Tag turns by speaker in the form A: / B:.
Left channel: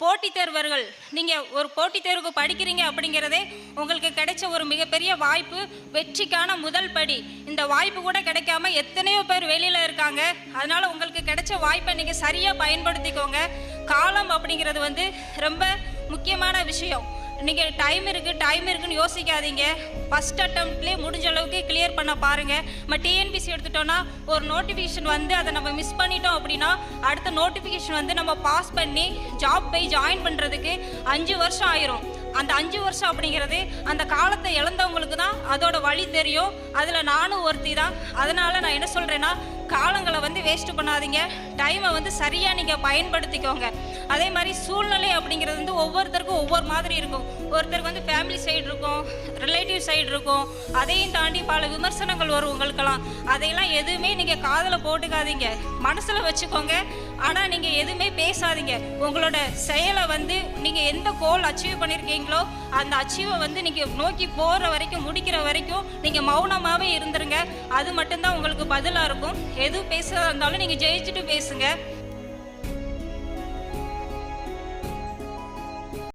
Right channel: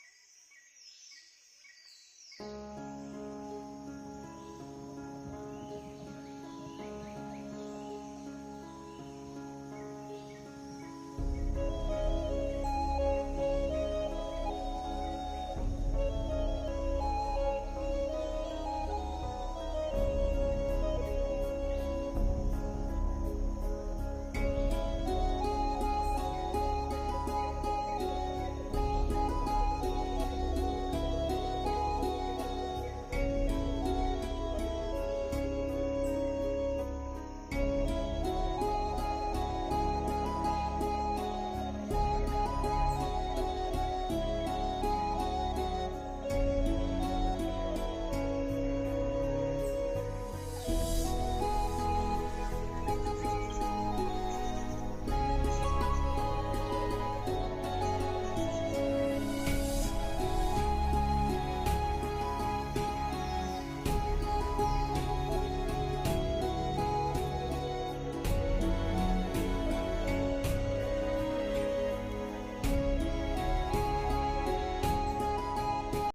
A: போட்டித் தேர்வர்கள் நீங்கள் ஒரு போட்டித் தேர்வுக்கு படிக்கிறீங்க அப்படிங்கிறதே உங்களுக்கு கிடைச்ச ஒரு மிகப்பெரிய வாய்ப்பு வெற்றிக்கான முதல் படி. இந்த வாய்ப்பு கூட கிடைக்காம எத்தனையோ பேர் வெளியில் இருக்காங்க. அதனால் உங்களுக்கு கிடைச்ச வாய்ப்பை நீங்கள் சரியாக பயன்படுத்திக்கோங்க. காலம் அப்படிங்கிறது வந்து ரொம்ப முக்கியமான விஷயம். நீங்கள் டைம் இருக்குது டைம் இருக்குன்னு யோசிக்காதீங்க. ஃபஸ்ட் அட்டம்ப்ட்லேயே முடிஞ்ச அளவுக்கு கிளியர் பண்ண பாருங்கள் நம்ம டிஎன்பிசி எடுத்துட்டோன்னா ஒரு நோட்டிஃபிகேஷன் வந்து அதை நம்ம மிஸ் பண்ணிட்டோம் அப்படின்னா அடுத்த நோட்டிஃபிகேஷன் வந்து நம்ம பாஸ் பண்ணி ஜாப் போய் ஜாயின் பண்ணுறதுக்கு அஞ்சு வருஷம் ஆயிரும். அந்த அஞ்சு வருஷம் அப்படிங்கிறது அந்த காலத்தை இழந்தவங்களுக்கு தான் அதோட வழி தெரியும். அதில் நானும் ஒருத்தி தான். அதனால் நான் என்ன சொல்கிறேன்னா காலங்களை வந்து வேஸ்ட் பண்ணாதீங்க. டைமை வந்து சரியாக நீங்கள் பயன்படுத்திக்கோங்க. அதே மாதிரி சூழ்நிலை அப்படிங்கிறது வந்து ஒவ்வொருத்தருக்கும் ஒவ்வொரு மாதிரி இருக்கும். ஒருத்தருக்கு வந்து ஃபேமிலி சைடு இருக்கும் ரிலேட்டிவ் சைடு இருக்கும். அதையும் தாண்டி பல விமர்சனங்கள் வரும் அதையெல்லாம் எதுவுமே நீங்கள் காதில் போட்டுக்காதீங்க. மனசில் வச்சுக்கோங்க. ஆனால் நீங்கள் எதுவுமே பேசாதீங்க. உங்களோட செயலை வந்து நீங்கள் எந்த கோல் அச்சீவ் பண்ணியிருக்கீங்களோ அந்த அச்சீவை வந்து நீங்கள் நோக்கி போகிற வரைக்கும் முடிக்கிற வரைக்கும் நீங்கள் மௌனமாகவே இருந்துருங்க. அது மட்டும்தான் உங்களுக்கு பதிலாக இருக்கும். எதுவும் பேசுகிறதா இருந்தாலும் நீங்கள் ஜெயிச்சுட்டு பேசுங்க.